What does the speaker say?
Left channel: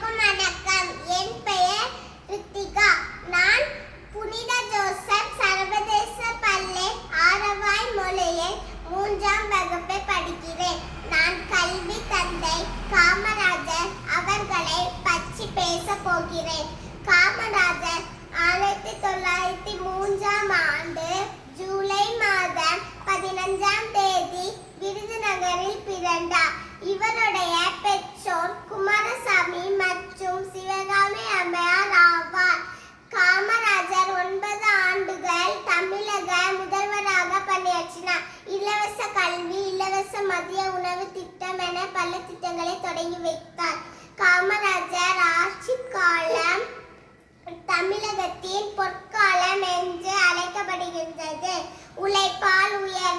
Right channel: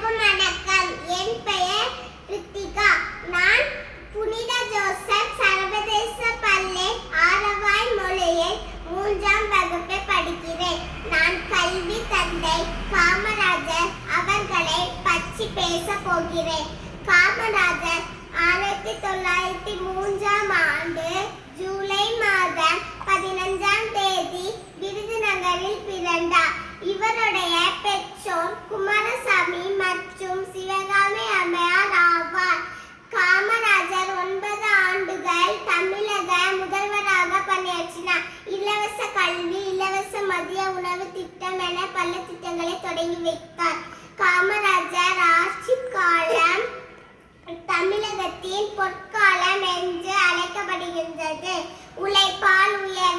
அனைவருக்கும் வணக்கம். என் பெயர் ரித்திகா. நான் புனித ஜோசப் சர்வதேச பள்ளி ஆரவாய் மொழியில் 3ஆம் வகுப்பு படிக்கிறேன். நான் கல்வி தந்தை காமராஜர் அவர்களை பற்றி பேச போகிறேன். காமராஜர் 1903ஆம் ஆண்டு ஜூலை மாதம் 15ஆம் தேதி விருதுநகரில் பிறந்தார். இவருடைய பெற்றோர் குமாரசாமி மற்றும் சிவகாமி அம்மையார் ஆவார். காமராஜர் 9 ஆண்டுகள் தமிழக முதல்வராக பணியாற்றினார். இலவச கல்வி, இலவச மதிய உணவு திட்டம் என பல திட்டங்களை தொடங்கி வைத்தார். காமராஜர் ஆட்சி காலம் தமிழகத்தின் பொற்காலம் என்று அழைக்கப்படுகின்றது. உழைப்பால் உயர்